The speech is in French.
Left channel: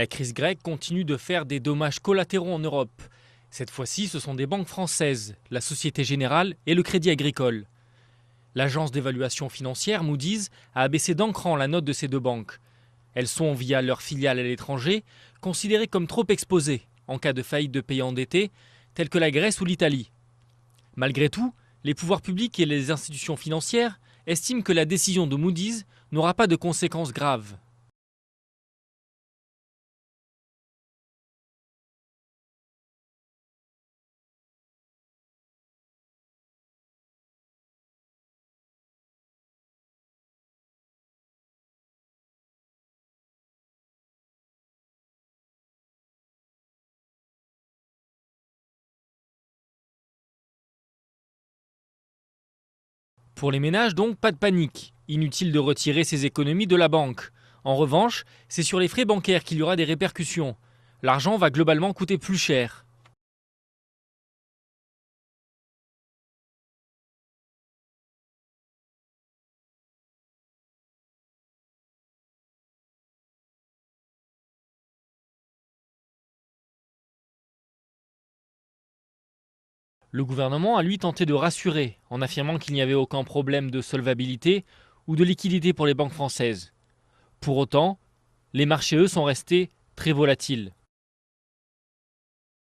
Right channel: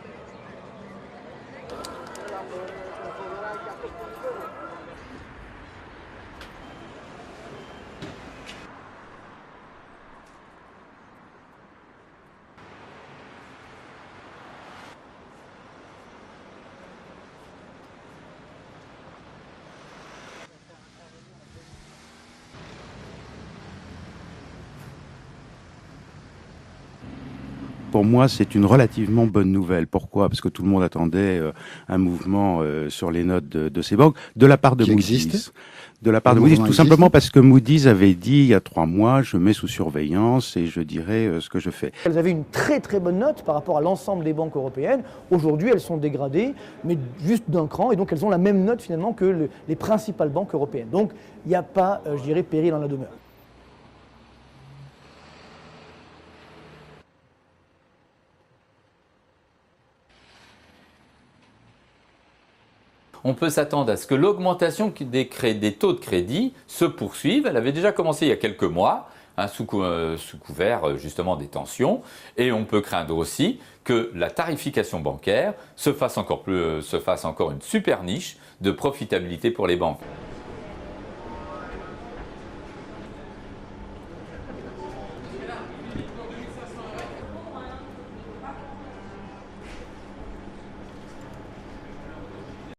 La crise grecque continue de faire des dommages collatéraux en Europe. Cette fois-ci, ce sont des banques françaises, la Société Générale et le Crédit Agricole. L'agence d'évaluation financière Moody's a abaissé d'un cran la note de ces deux banques. Elles sont, via leurs filiales à l'étranger, considérées comme trop exposées en cas de faillite de pays endettés, tels que la Grèce ou l'Italie. Malgré tout, les pouvoirs publics et les institutions financières estiment que la décision de Moody's n'aura pas de conséquences graves. Pour moi, c'est une relativement bonne nouvelle. Pourquoi ? Parce que tout le monde attendait un mouvement sur les notes de ces banques de la part de Moody's. De la part de Moody's, tout simplement parce que Moody's avait dit il y a 3 mois, je mets sous surveillance et je dirai ce que je fais. Elles avaient une très très bonne note par rapport à l'ensemble des banques européennes. Aujourd'hui, elles sont dégradées, mais juste d'un cran, et donc elles ont la même note finalement que les principales banques européennes. Donc il n'y a pas, je dirais, péril en la demeure. Pour les ménages, donc, pas de panique. Inutile de retirer ses économies de la banque. En revanche, c'est sur les frais bancaires qu'il y aura des répercussions. L'argent va globalement coûter plus cher. On peut s'attendre à ce que l'augmentation des taux de crédit se poursuive. Elle avait déjà commencé il y a quelques mois, sous couvert justement des tensions. Et on peut craindre aussi que la tarification bancaire se fasse encore une super niche de profitabilité pour les banques. Le gouvernement a lui tenté de rassurer en affirmant qu'il n'y avait aucun problème de solvabilité ou de liquidité pour les banques françaises. Pour autant, les marchés, eux, sont restés très volatiles.